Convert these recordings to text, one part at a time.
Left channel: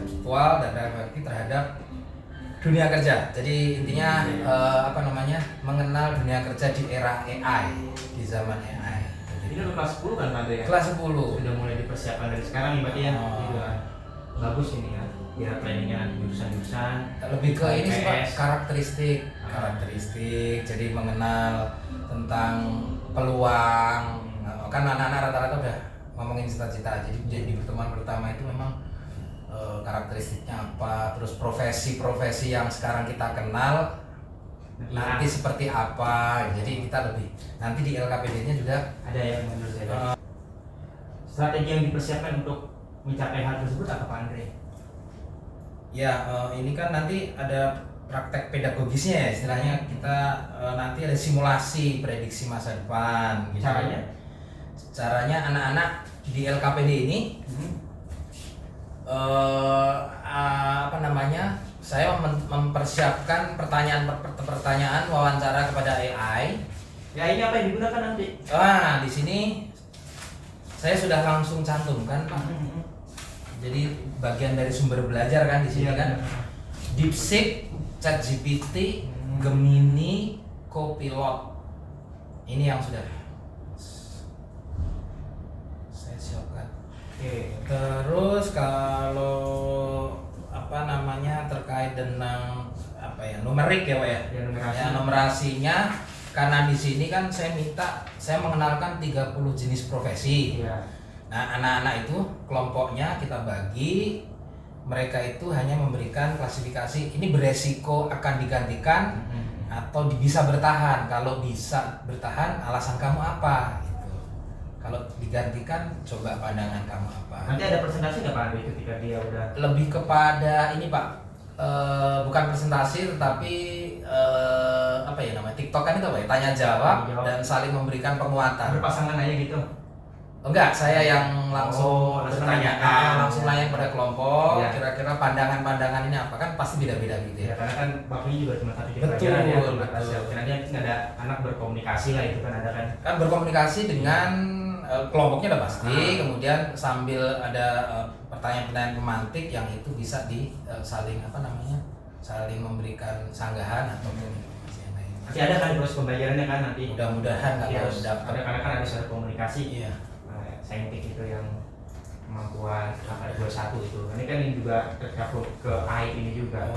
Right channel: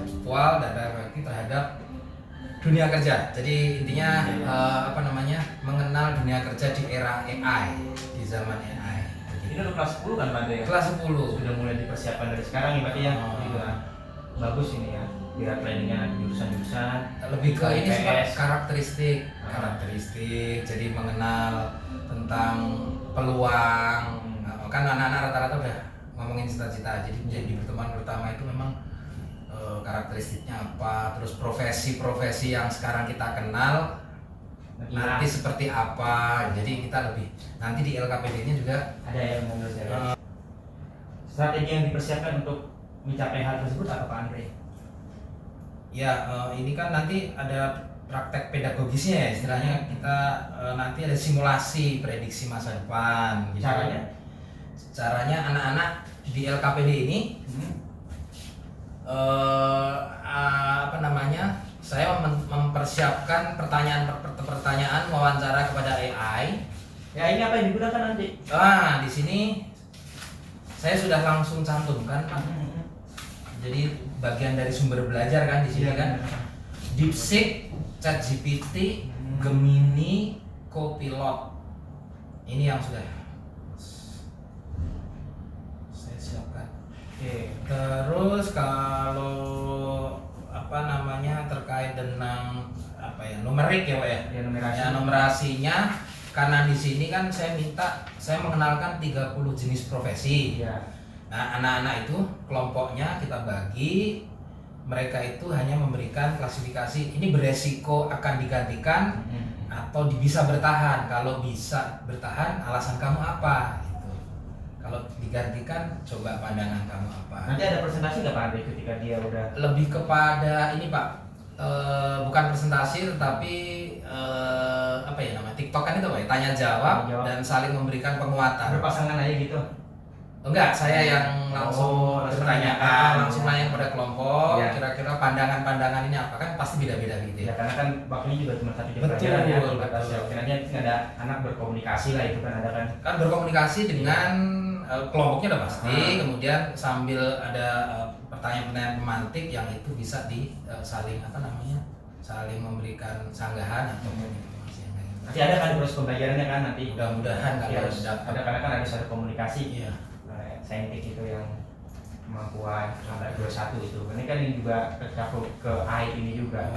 konseptual dan reflektif terhadap dunia kerja. Jadi intinya mengenal dunia kerja di era AI, di zaman AI. Ini udah kelas 10 kan Pak ya? Kelas 10. Sudah mulai dipersiapkan dari sekarang nih Pak ya. Juga bagus ini ya. Biar planningnya jurusan-jurusan. Lebih ke ini sih Pak, karakteristik. Jadi mengenal tentang peluang. Kan anak-anak rata-rata udah ngomongin cita-cita. Jadi di pertemuan pertama itu memang karakteristiknya apa, terus profesi-profesi yang sekarang kita kenal nanti seperti apa. Jadi kita lebih nanti di LKPD-nya juga ada ya menurut saya. Strategi yang dipersiapkan untuk mencapai hal tersebut apa Pak Andre? Ya, ini kan nanti ada praktek pedagogisnya ya istilahnya. Kita nanti ada simulasi prediksi masa depan gitu. Caranya anak-anak di LKPD ini saya mempersiapkan pertanyaan wawancara kepada AI. Ya, ini apa yang digunakan nanti? Di sini saya sudah langsung cantumkan Pak. Jadi bagian dari sumber belajar kan di sini kan. DeepSeek, ChatGPT, Gemini, Copilot. Ini yang sudah saya siapkan. Terus kalau terkait dengan numerik ya Pak ya. Numerasinya karena di sini kan saya mengenalkan 30 jenis profesi. Ya. Nah, anak-anak itu kelompoknya kita bagi, mereka itu hanya memberikan klasifikasi ini beresiko akan digantikan atau bisa bertahan. Kalau bisa bertahan, alasan kamu apa? Gitu. Kalau digantikan, coba pandangan kamu apa? Nanti ada presentasi nggak Pak Andre ketika dia udah? Lebih kepada ini Pak, bukan presentasi tetapi TikTok kan itu Pak ya, tanya jawab dan saling memberikan penguatan. Berpasangan aja gitu? Enggak, saya yang langsung bertanya, langsung nanya kepada kelompok, kira-kira pandangan-pandangan ini apa, kan pasti beda-beda gitu ya. Karena kan bakti juga cuma satu pelajaran ya. Nanti nggak ada anak berkomunikasi lah itu kan ada kan? Kan berkomunikasi dengan kelompoknya udah pasti, kemudian sambil ada pertanyaan-pertanyaan pemantik yang itu bisa saling memberikan sanggahan atau informasi yang lain. Nanti ada kan proses pembelajarannya kan nanti? Mudah-mudahan kalau dapat. Karena kan harus ada komunikasi. Iya. Saintik itu yang kemampuan sampai 21 itu. Ini kan ini juga tercakup ke AI ini juga.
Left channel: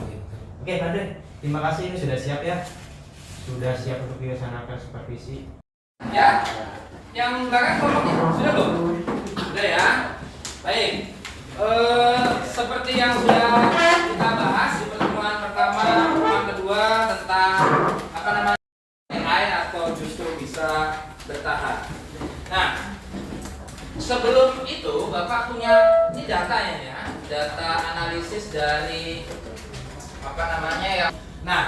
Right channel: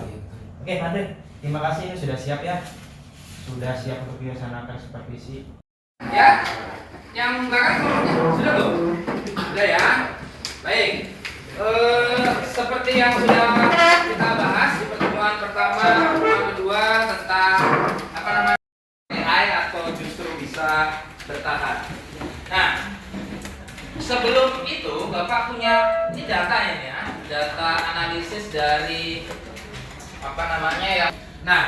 Oke, Pak Andre, terima kasih ini sudah siap ya. Sudah siap untuk dilaksanakan supervisi. Ya, yang belakang kelompoknya sudah belum? Sudah ya. Baik. Seperti yang sudah kita bahas di pertemuan pertama, pertemuan kedua tentang AI atau justru bisa bertahan. Nah, sebelum itu Bapak punya ini datanya ya, data analisis dari Nah,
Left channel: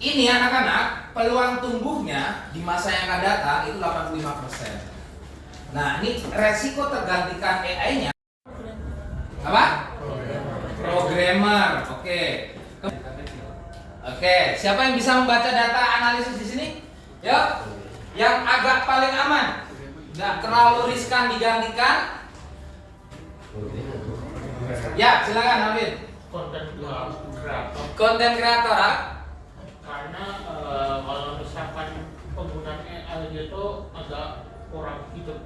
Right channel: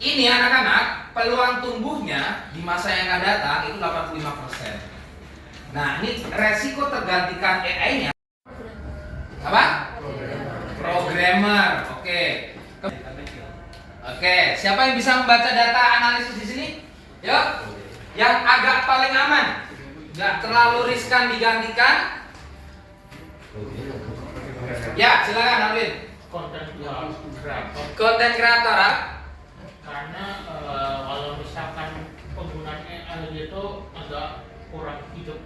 ini anak-anak peluang tumbuhnya di masa yang akan datang itu 85%. Nah, ini resiko tergantikan AI-nya apa? Programmer. Oke, siapa yang bisa membaca data analisis di sini? Yuk, yang agak paling aman, nggak terlalu riskan digantikan. Ya, silakan Alvin. Konten kreator. Karena kalau misalkan penggunaan AI itu agak kurang hidup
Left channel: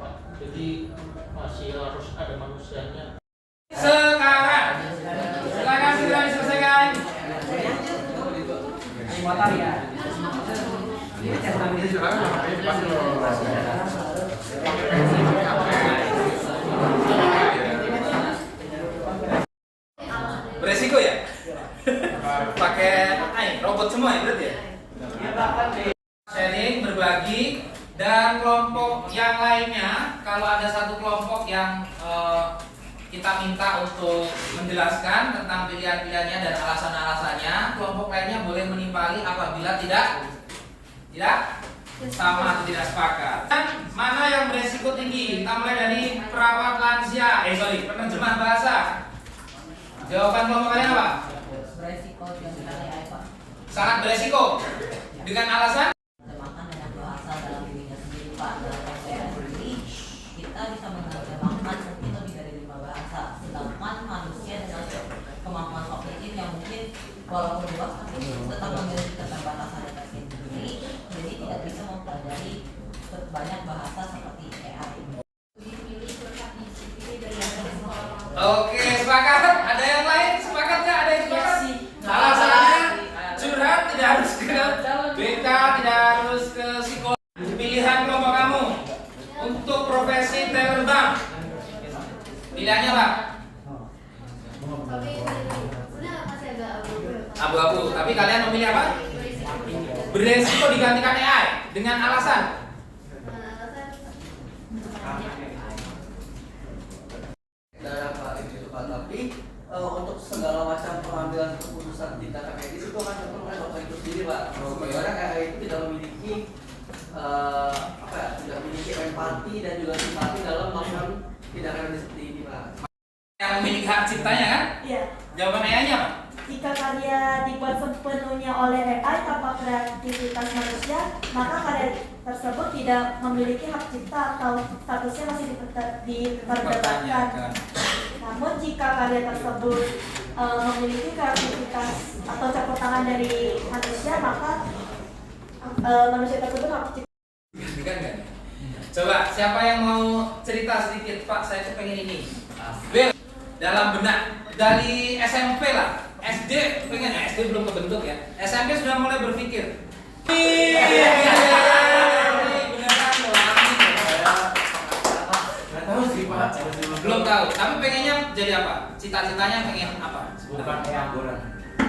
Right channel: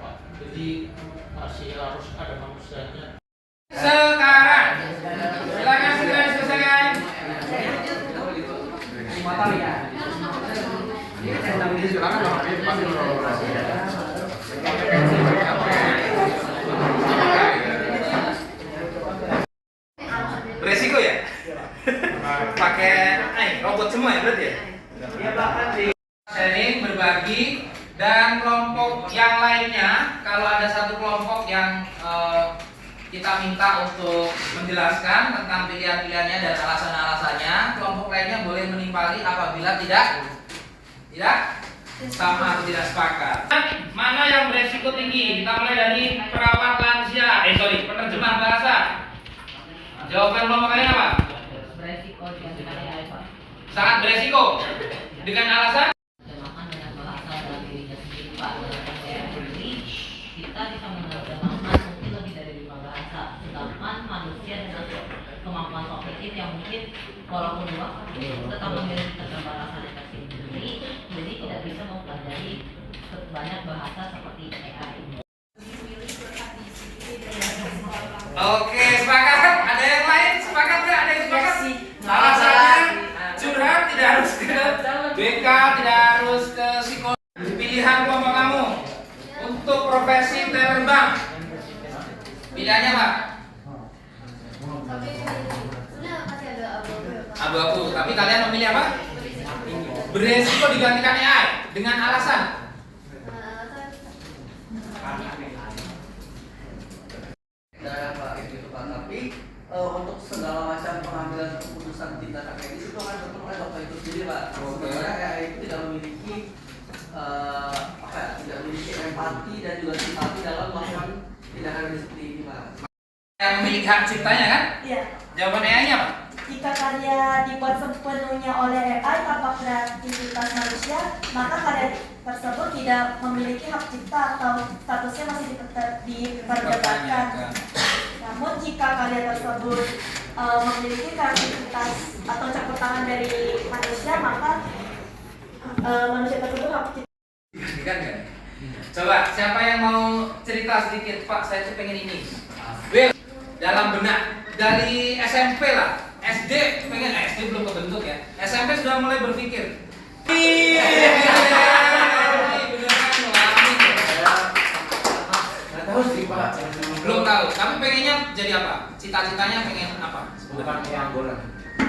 Pak. Jadi masih harus ada manusianya. Sekarang, silakan selesaikan. Beresiko ya? Pakai robot semua ya berarti ya? Iya bahkan di sharing, berbagi, dan kelompok yang lainnya kalau ada satu kelompok yang kita minta untuk menjelaskan tentang pilihan-pilihannya dan alasan-alasannya, kelompok lainnya boleh menimpali apabila tidak sama atau tidak sepakat. Mana yang beresiko tinggi? Kita mulai dari perawat lansia. Penerjemah bahasa. Jawaban kelompok lain apa? Beresiko dengan AI, Pak. Sangat beresiko. Dengan alasan? Terjemahkan dengan bahasa dalam dirinya sendiri, Pak. Dalam AI ini kita bisa menerjemahkan mungkin lebih dari 5 bahasa. walaupun luas tapi tetap memiliki keterbatasan yang tersendiri, jadi tidak bisa mempelajari banyak bahasa seperti AI. Oke, sepakat. Ada yang lain? Sepakat nggak? Ada yang sepakat? Alasannya curhat tidak harus ke BK, tidak harus ke psikolog. Pilihan kelompok kamu untuk profesi terbang. Pilihannya apa? Abu-abu. Tapi kalian memilih apa? Beresiko digantikan AI dengan alasan. Tapi untuk segala macam pengambilan keputusan tingkat akademis itu kan tentu oleh bapak itu sendiri pak. Sebenarnya AI itu tidak memiliki tidak memiliki empati dan juga simpati dalam melakukan tindakan seperti ini pak. Yang memiliki hak ciptanya kan? Iya. Jawaban AI-nya apa? Jika karya dibuat sepenuhnya oleh AI tanpa kreativitas manusia, maka karya tersebut tidak memiliki hak cipta atau statusnya masih diperdebatkan. Namun jika karya tersebut memiliki kreativitas atau campur tangan dari manusia, maka manusia tersebut hak cipta. Kan kan? Coba siapa yang mau cerita sedikit, Pak? Saya tuh pengen ini. Will, dalam benak dari SMP lah. SD pengen, SD belum kebentuk ya. SMP sudah mulai berpikir. Belum tahu, tapi pengennya jadi apa? Cita-citanya pengen apa? Bukan pengangguran.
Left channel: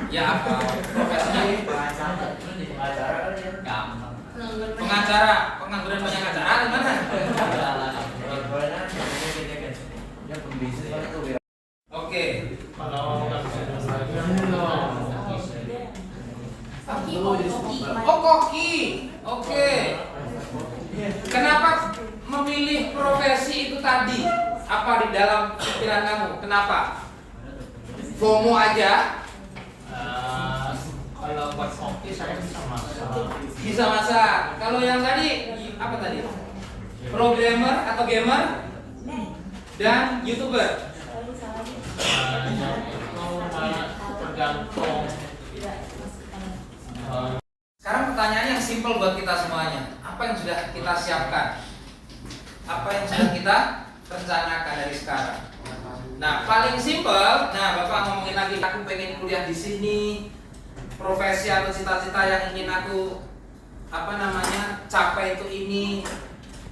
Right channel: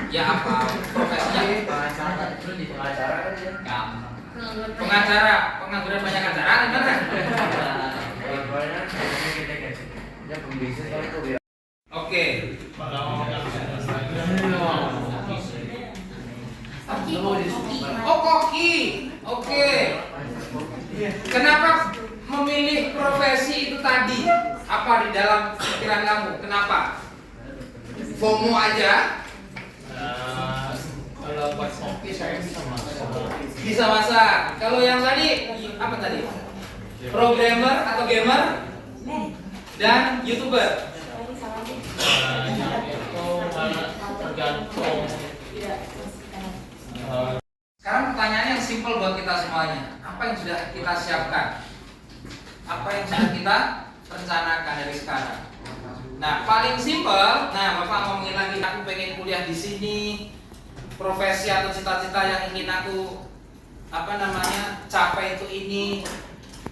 Ya apa? Profesinya? Ya, pengacara, pengangguran banyak acara, gimana? Oke. Oh, koki. Oke. Kenapa memilih profesi itu tadi? Apa di dalam pikiran kamu? Kenapa? FOMO aja? Kalau buat kopi saya bisa masak. Bisa masak. Kalau yang tadi apa tadi? Programmer atau gamer? Dan YouTuber? Yang itu tergantung. Sekarang pertanyaannya yang simpel buat kita semuanya. Apa yang sudah kita siapkan? Apa yang sudah kita rencanakan dari sekarang? Nah, paling simpel. Nah, Bapak ngomongin lagi, aku pengen kuliah di sini. Profesi atau cita-cita yang ingin aku capai itu ini.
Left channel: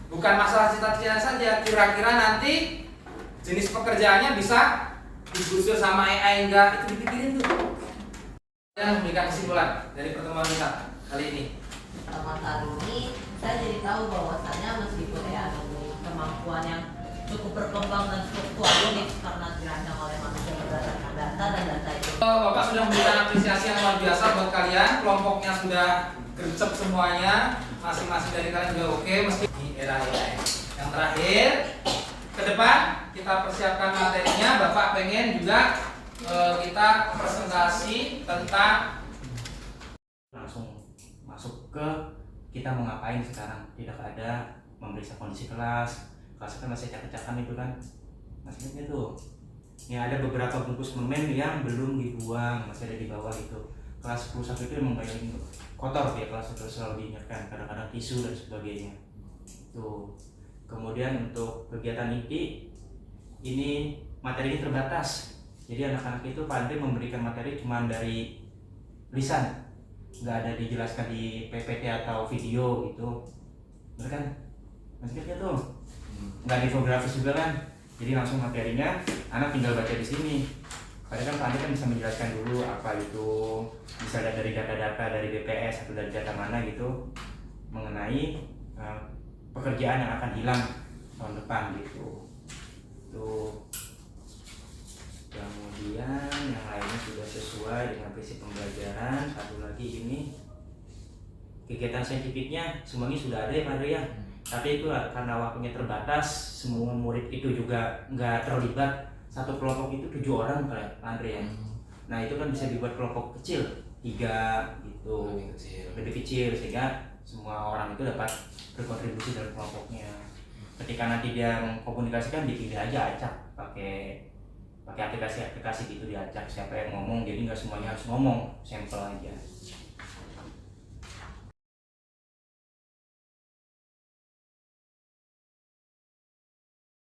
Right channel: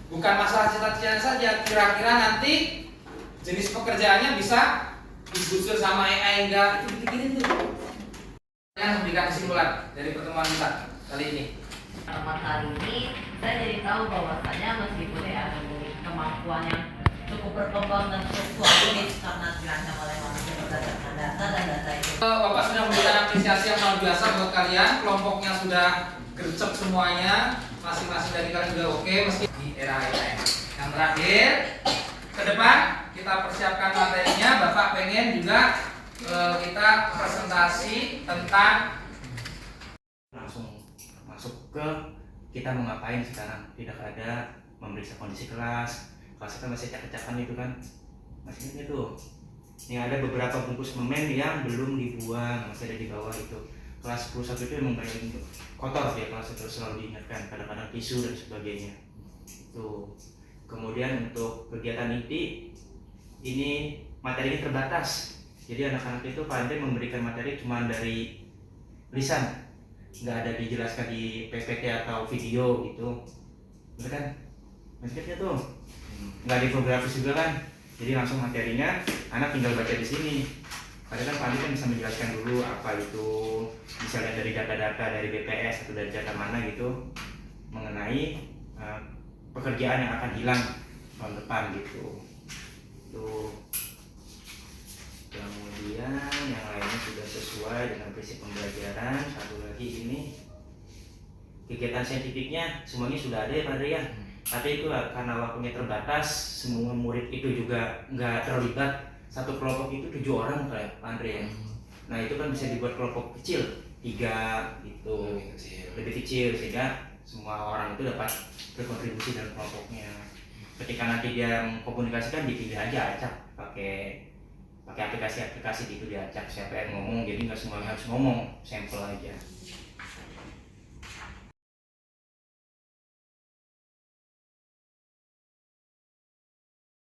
Bukan masalah cita-cita saja. Kira-kira nanti jenis pekerjaannya bisa digusur sama AI enggak? Itu dipikirin tuh. Yang memberikan kesimpulan dari pertemuan kita kali ini. Pertemuan kali ini saya jadi tahu bahwasanya meskipun AI memiliki kemampuan yang cukup berkembang dan cukup fluktuatif karena dirancang oleh manusia berdasarkan data dan data itu. Bapak sudah memberikan apresiasi yang luar biasa buat kalian. Kelompoknya sudah gercep semuanya. Masing-masing dari kalian sudah oke meski di era AI. Yang terakhir, ke depan kita persiapkan materinya. Bapak pengen juga kita presentasi tentang Langsung masuk ke kita mau ngapain sekarang, tidak ada memeriksa kondisi kelas kan masih acak-acakan itu kan, masih ingat tuh. Ini ada beberapa bungkus permen yang belum dibuang, masih ada di bawah itu. Kelas 11 itu emang banyak kotor ya, kelas itu selalu diingatkan, kadang-kadang tisu dan sebagainya tuh. Kemudian untuk kegiatan inti ini materi ini terbatas, jadi anak-anak itu Pak Andre memberikan materi cuma dari lisan, nggak ada dijelaskan di PPT atau video gitu, bener kan? Maksudnya tuh nggak ada infografis juga kan, jadi langsung materinya anak tinggal baca di sini. Padahal kan Pak Andre kan bisa menjelaskan dulu apa itu, bisa lihat dari data-data dari BPS atau dari data mana gitu mengenai pekerjaan yang akan hilang tahun depan gitu. Tuh. Kemudian yang lainnya sudah sesuai dengan prinsip pembelajaran. Satu lagi ini kegiatan saintifiknya semuanya sudah ada ya Pak Andre ya. Tapi itu karena waktunya terbatas, semua murid itu juga nggak terlibat. Satu kelompok itu 7 orang kayak Pak Andre ya. Nah itu kan bisa dibuat kelompok kecil 3 gitu, lebih kecil sehingga semua orang itu dapat berkontribusi dalam kelompoknya. Ketika nanti dia mengkomunikasikan, dipilih aja acak pakai pakai aplikasi gitu diacak siapa yang ngomong, jadi nggak semuanya harus ngomong, sampel aja.